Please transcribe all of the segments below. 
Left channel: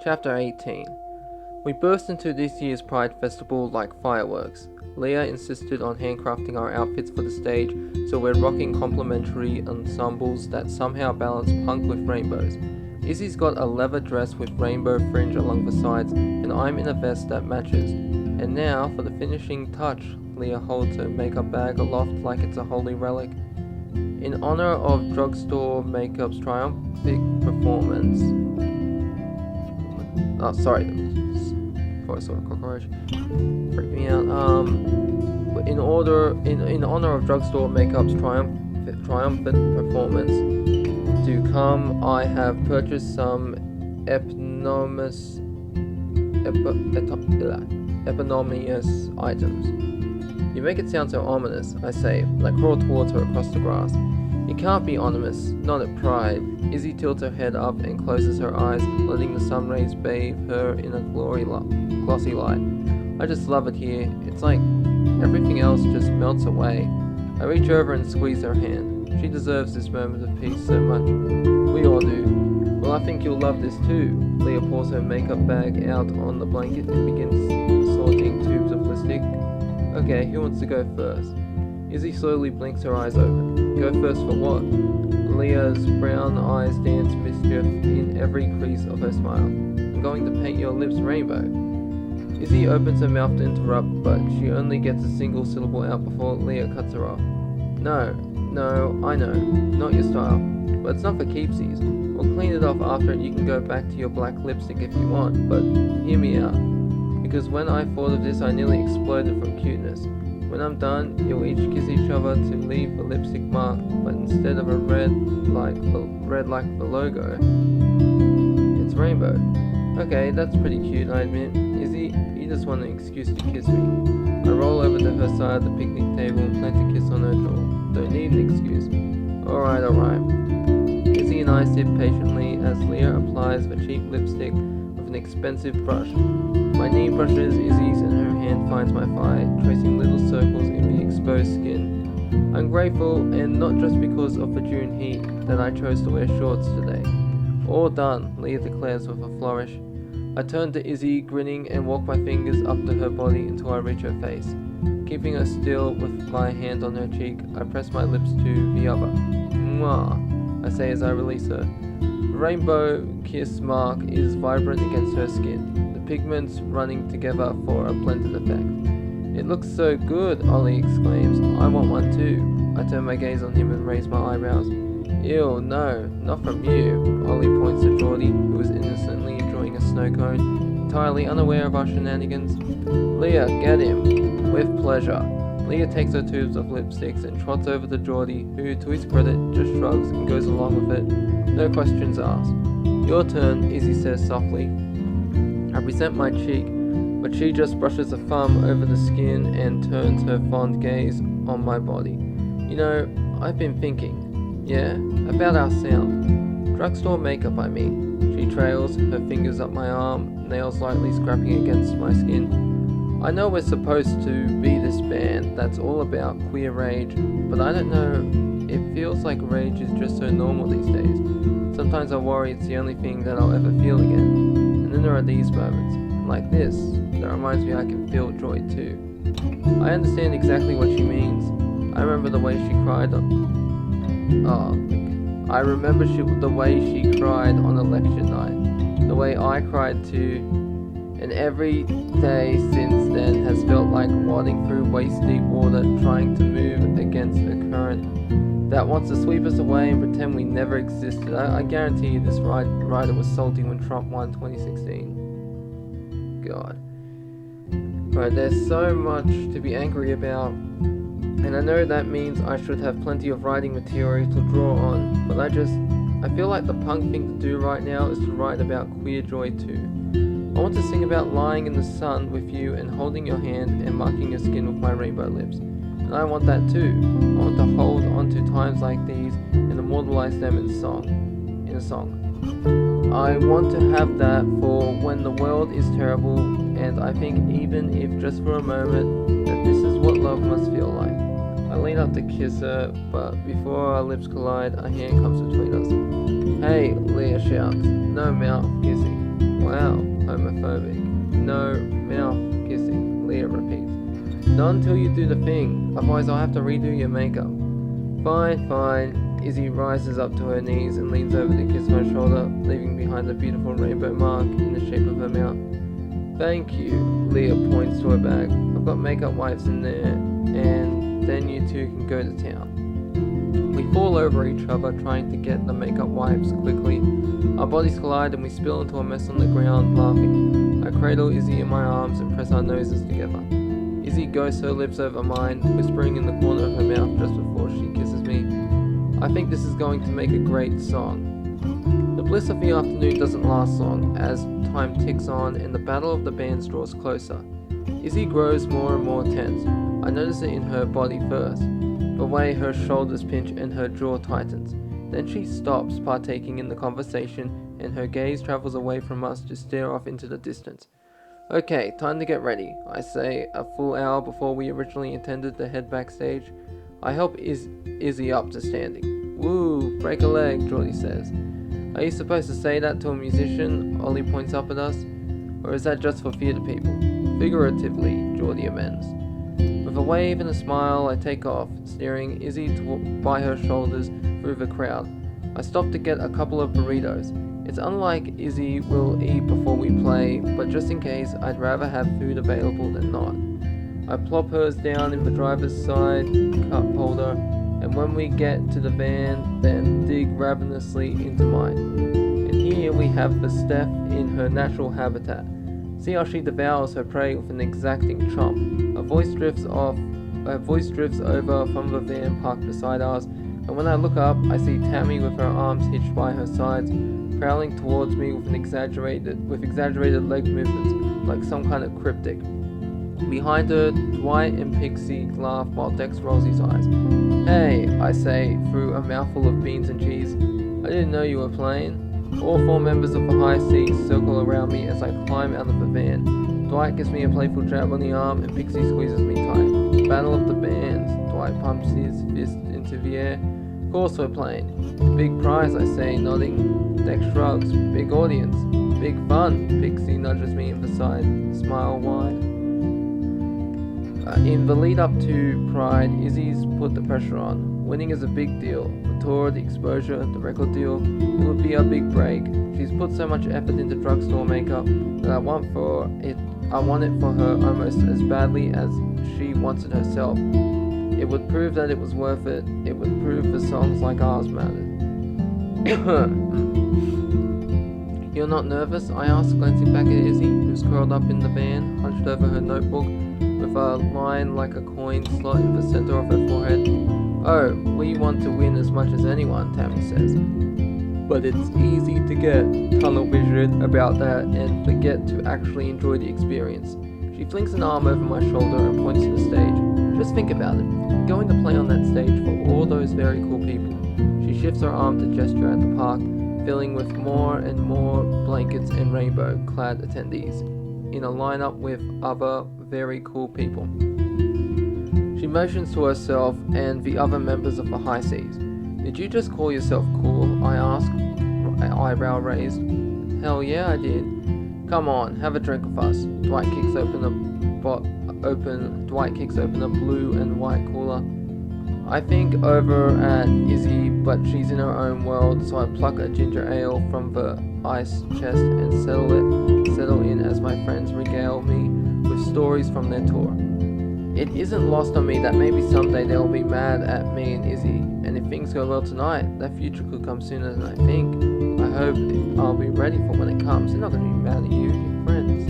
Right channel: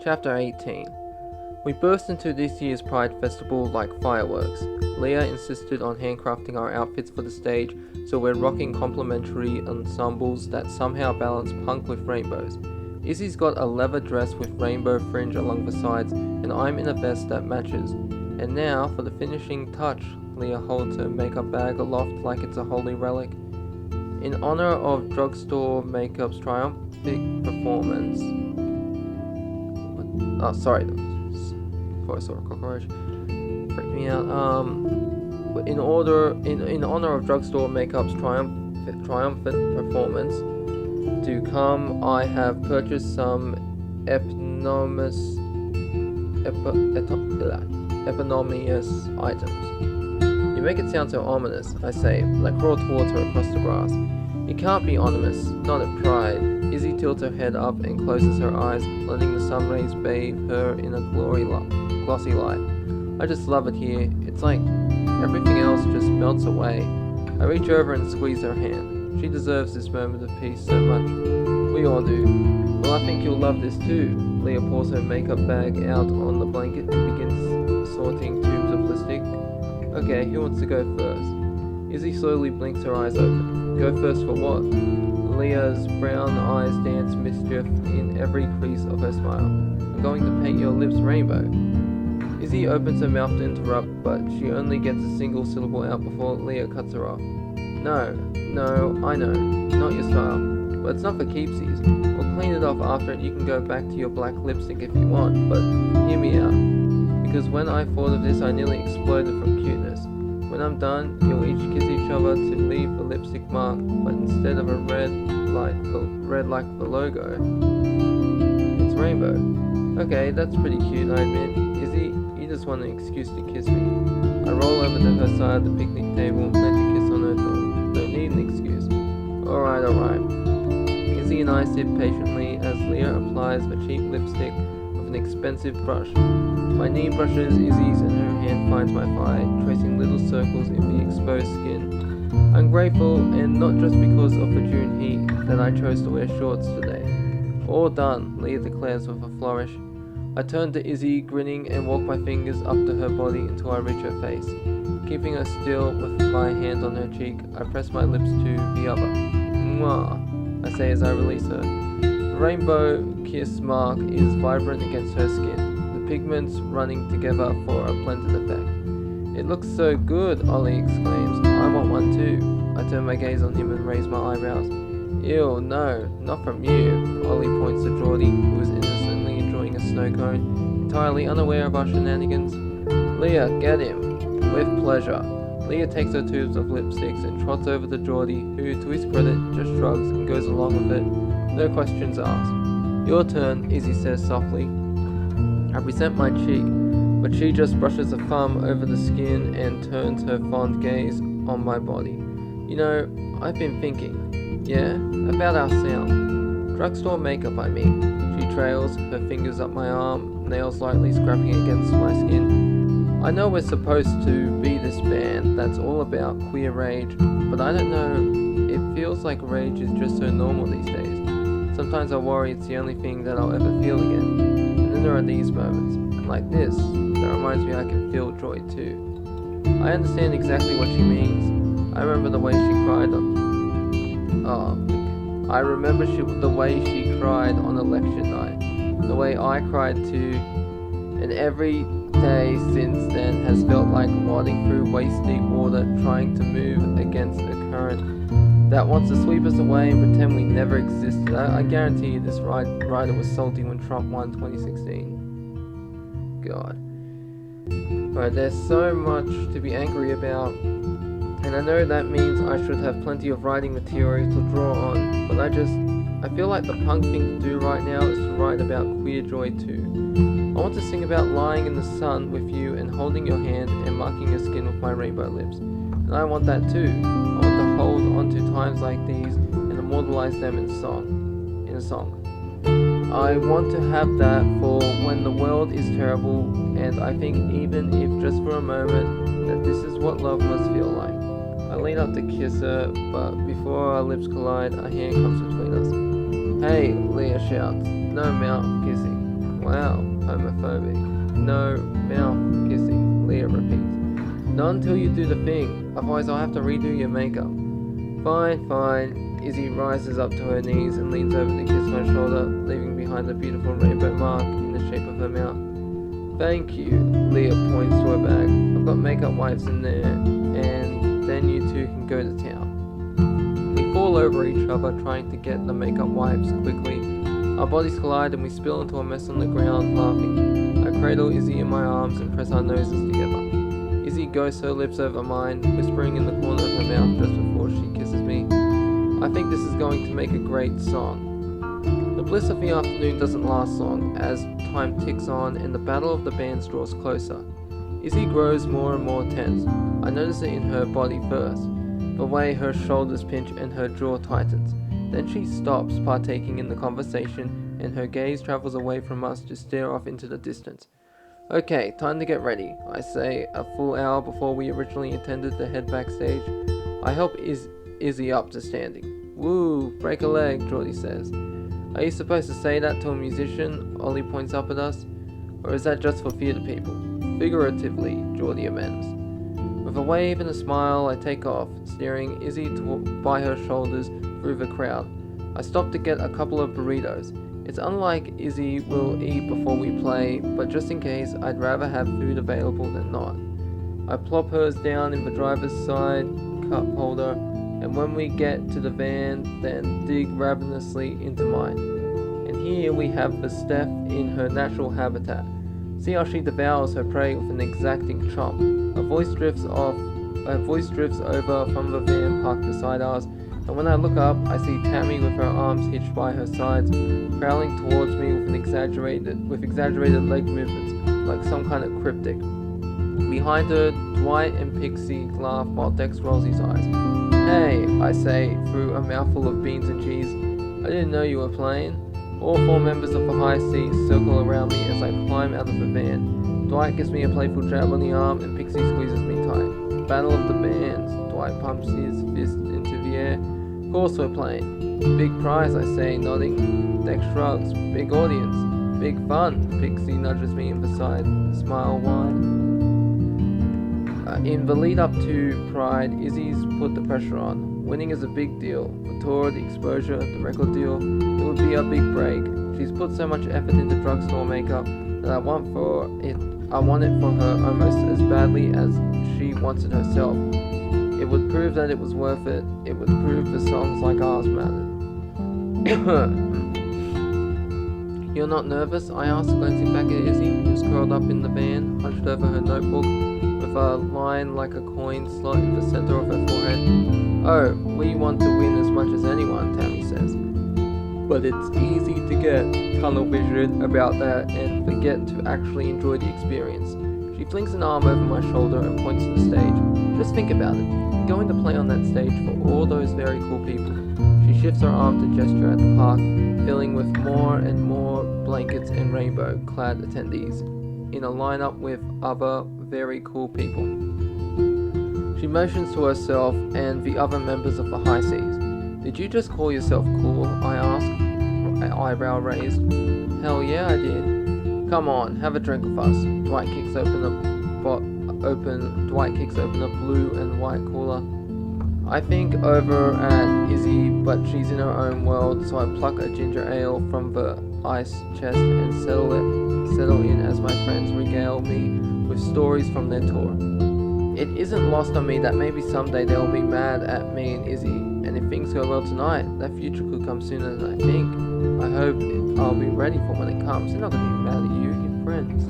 Chapter 18. We burst into this year's Pride Festival like fireworks. Leah insisted on handcrafting our outfits for the stage, so we're rocking complementary ensembles that somehow balance punk with rainbows. Izzy's got a leather dress with rainbow fringe along the sides, and I'm in a vest that matches. And now, for the finishing touch, Leah holds her makeup bag aloft like it's a holy relic. In honor of Drugstore Makeup's triumphant performance... Oh, sorry. Before I saw a cockroach. Freaked me out. In honor of Drugstore Makeup's triumphant performance to come, I have purchased some eponymous items. You make it sound so ominous, I say, but I crawl towards her across the grass. It can't be ominous, not at Pride. Izzy tilts her head up and closes her eyes, letting the sun rays bathe her in a glossy light. I just love it here. It's like everything else just melts away. I reach over and squeeze her hand. She deserves this moment of peace so much. We all do. Well, I think you'll love this too. Leah pours her makeup bag out on the blanket and begins sorting tubes of lipstick. Okay, who wants to go first? Izzy slowly blinks her eyes open. Go first for what? Leah's brown eyes dance mischief in every crease of her smile. I'm going to paint your lips rainbow. Izzy opens her mouth to interrupt, but she only gets a single syllable out before Leah cuts her off. No, I know. Not your style. But it's not for keepsies. We'll clean it off after and you can go back to your black lipstick if you want, but hear me out. Because when I thought of this, I nearly exploded from cuteness. When I'm done, you'll each kiss each other to leave the lipstick mark, but instead of a red like the logo, it's rainbow. Okay, that's pretty cute, I admit. Izzy, you just want an excuse to kiss me. I roll over to her side of the picnic table and plant a kiss on her jaw. Don't need an excuse. Alright. Izzy and I sit patiently as Leah applies the cheap lipstick with an expensive brush. My knee brushes Izzy's and her hand finds my thigh, tracing little circles in the exposed skin. I'm grateful, and not just because of the June heat, that I chose to wear shorts today. All done, Leah declares with a flourish. I turn to Izzy, grinning, and walk my fingers up to her body until I reach her face. Keeping her still with my hand on her cheek, I press my lips to the other. Mwah, I say as I release her. The rainbow kiss mark is vibrant against her skin, the pigments running together for a blended effect. It looks so good, Ollie exclaims. I want one too. I turn my gaze on him and raise my eyebrows. Ew, no, not from you. Ollie points to Geordie, who is innocently enjoying a snow cone, entirely unaware of our shenanigans. Leah, get him. With pleasure. Leah takes her tubes of lipsticks and trots over to Geordie, who, to his credit, just shrugs and goes along with it. No questions asked. Your turn, Izzy says softly. I present my cheek, but she just brushes a thumb over the skin and turns her fond gaze on my body. You know, I've been thinking, about our sound. Drugstore makeup, I mean. She trails, her fingers up my arm, nails lightly scraping against my skin. I know we're supposed to be this band that's all about queer rage, but I don't know, it feels like rage is just so normal these days. Sometimes I worry it's the only thing that I'll ever feel again. And then there are these moments, like this, that reminds me I can feel joy too. I understand exactly what she means. I remember the way she cried the way she cried on election night. The way I cried too. And every day since then has felt like wading through waist-deep water, trying to move against a current that wants to sweep us away and pretend we never existed. I guarantee you this rider was salty when Trump won 2016. God. Right, there's so much to be angry about, and I know that means I should have plenty of writing material to draw on, but I feel like the punk thing to do right now is to write about queer joy too. I want to sing about lying in the sun with you and holding your hand and marking your skin with my rainbow lips. And I want that too. I want to hold on to times like these and immortalize them in a song. I want to have that for when the world is terrible, and I think even if just for a moment that this is what love must feel like. I lean up to kiss her, but before our lips collide, a hand comes between us. Hey, Leah shouts. No mouth kissing. Wow, homophobic. No mouth kissing, Leah repeats. Not until you do the thing, otherwise I'll have to redo your makeup. Fine, fine. Izzy rises up to her knees and leans over to kiss my shoulder, leaving behind a beautiful rainbow mark in the shape of her mouth. Thank you, Leah points to her bag. I've got makeup wipes in there, and then you two can go to town. We fall over each other trying to get the makeup wipes quickly. Our bodies collide and we spill into a mess on the ground, laughing. I cradle Izzy in my arms and press our noses together. Izzy ghosts her lips over mine, whispering in the corner of her mouth just before she kisses me. I think this is going to make a great song. The bliss of the afternoon doesn't last long, as time ticks on and the battle of the bands draws closer. Izzy grows more and more tense. I notice it in her body first, the way her shoulders pinch and her jaw tightens. Then she stops partaking in the conversation and her gaze travels away from us to stare off into the distance. Okay, time to get ready, I say, a full hour before we originally intended to head backstage. I help Izzy up to standing. Woo, break a leg, Geordie says. Are you supposed to say that to a musician? Ollie points up at us. Or is that just for theatre people? Figuratively, Geordie amends. With a wave and a smile, I take off, steering Izzy by her shoulders through the crowd. I stop to get a couple of burritos. It's unlike Izzy will eat before we play, but just in case, I'd rather have food available than not. I plop hers down in the driver's side cup holder, and when we get to the van, then dig ravenously into mine. And here we have the Steph in her natural habitat. See how she devours her prey with an exacting chomp. Her voice drifts over from the van parked beside ours, and when I look up, I see Tammy with her arms hitched by her sides, prowling towards me with exaggerated leg movements, like some kind of cryptic. Behind her, Dwight and Pixie laugh while Dex rolls his eyes. Hey, I say, through a mouthful of beans and cheese. I didn't know you were playing. All four members of the high C circle around me as I climb out of the van. Dwight gives me a playful jab on the arm and Pixie squeezes me tight. Battle of the bands. Dwight pumps his fist into the air. Of course we're playing. Big prize, I say, nodding. Dex shrugs. Big audience. Big fun. Pixie nudges me in the side, smile wide. In the lead up to Pride, Izzy's put the pressure on. Winning is a big deal. The tour, the exposure, the record deal, it would be a big break. She's put so much effort into drugstore makeup that I want it for her almost as badly as she wants it herself. It would prove that it was worth it. It would prove the songs like ours mattered. You're not nervous? I ask, glancing back at Izzy, who's curled up in the van, hunched over her notebook, with a line like a coin slot in the center of her forehead. Oh, we want to win as much as anyone, Tammy says. But it's easy to get tunnel vision about that and forget to actually enjoy the experience. She flings an arm over my shoulder and points to the stage. Just think about it. I'm going to play on that stage for all those very cool people. She shifts her arm to gesture at the park, filling with more and more blankets and rainbow-clad attendees, in a lineup with other very cool people. She motions to herself and the other members of the high seas. Did you just call yourself cool? I ask, eyebrow raised. Hell yeah, I did. Come on, have a drink with us. Dwight kicks open a blue and white cooler. I think over at Izzy, but she's in her own world, so I pluck a ginger ale from the ice chest and settle in as my friends regale me with stories from their tour. It isn't lost on me that maybe someday they'll be mad at me and Izzy, and if things go well tonight, that future could come sooner than I think. I hope I'll be ready for when it comes. They're not going to be mad at you, you're friends.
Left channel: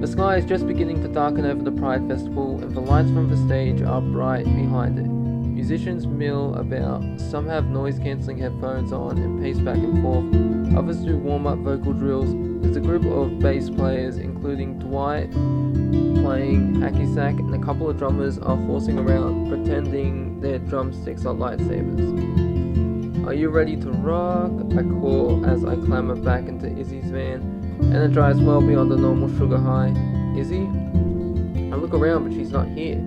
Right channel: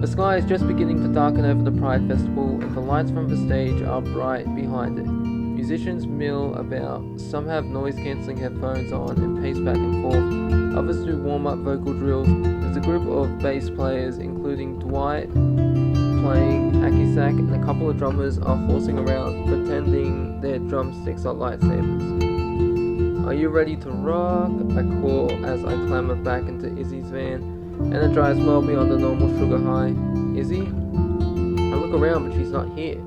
The sky is just beginning to darken over the Pride Festival, and the lights from the stage are bright behind it. Musicians mill about, some have noise-cancelling headphones on and pace back and forth, others do warm-up vocal drills. There's a group of bass players, including Dwight playing hacky sack, and a couple of drummers are horsing around, pretending their drumsticks are lightsabers. Are you ready to rock? I call as I clamber back into Izzy's van, energized well beyond the normal sugar high. Izzy? I look around, but she's not here.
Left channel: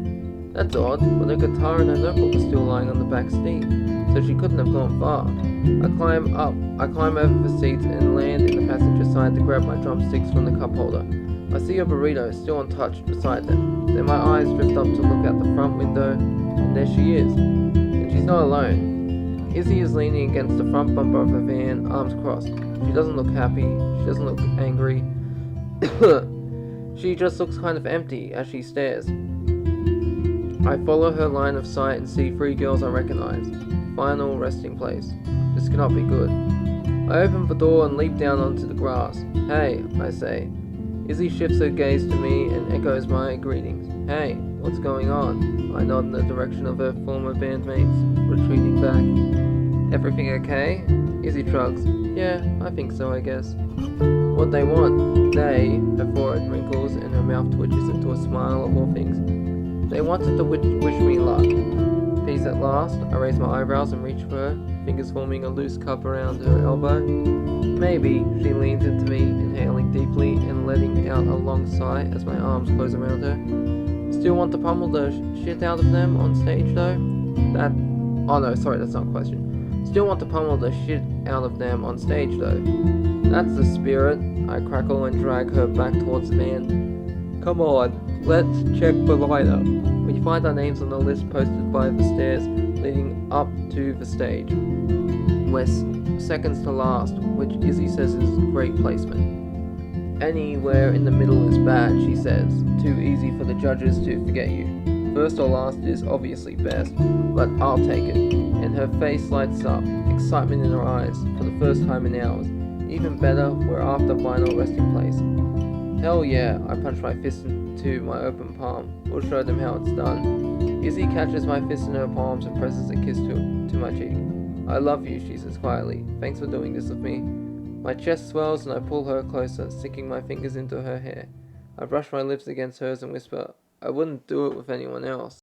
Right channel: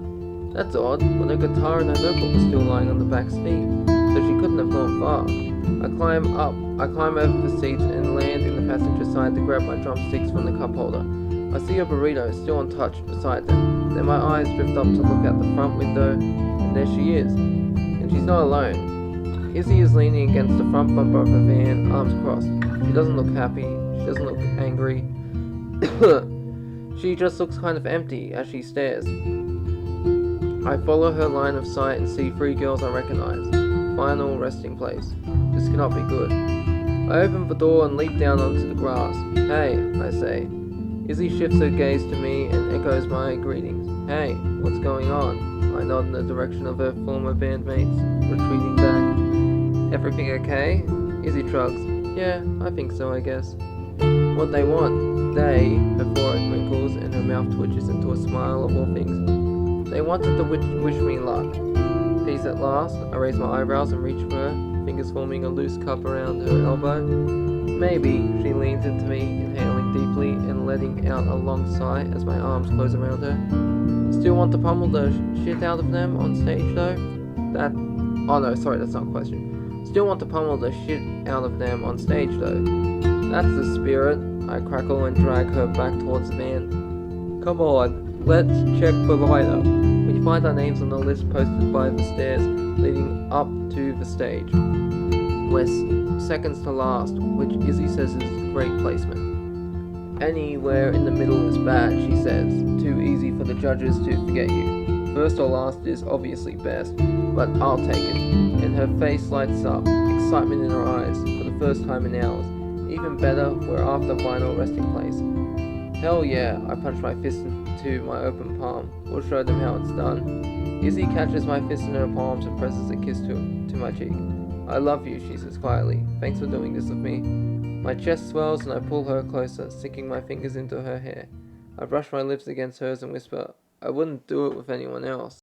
That's odd, but her guitar and her notebook are still lying on the back seat, so she couldn't have gone far. I climb over the seat and land in the passenger side to grab my drumsticks from the cup holder. I see a burrito still untouched beside them. Then my eyes drift up to look out the front window, and there she is. And she's not alone. Izzy is leaning against the front bumper of her van, arms crossed. She doesn't look happy. She doesn't look angry. She just looks kind of empty as she stares. I follow her line of sight and see 3 girls I recognize. Final resting place. This cannot be good. I open the door and leap down onto the grass. Hey, I say. Izzy shifts her gaze to me and echoes my greetings. Hey, what's going on? I nod in the direction of her former bandmates, retreating back. Everything okay? Izzy shrugs. Yeah, I think so, I guess. What they want? They, her forehead wrinkles and her mouth twitches into a smile of all things. They wanted to wish me luck. Peace at last. I raise my eyebrows and reach for her, fingers forming a loose cup around her elbow. Maybe. She leans into me, inhaling deeply and letting out a long sigh as my arms close around her. Still want to pummel the shit out of them on stage though? Oh no, sorry, that's not a question. Still want to pummel the shit out of them on stage though. That's the spirit. I crackle and drag her back towards the van. Come on, let's check the lineup. We find our names on the list posted by the stairs leading up to the stage. We're seconds to last, which Izzy says is great placement. Anywhere in the middle is bad, she says. Too easy for the judges to forget you. First or last is obviously best, but I'll take it. And her face lights up, excitement in her eyes, for the first time in hours. Even better, we're after final resting place. Hell yeah, I punch my fist into my open palm. We'll show them how it's done. Izzy catches my fist in her palms and presses a kiss to my cheek. I love you, she says quietly. Thanks for doing this with me. My chest swells and I pull her closer, sinking my fingers into her hair. I brush my lips against hers and whisper, I wouldn't do it with anyone else.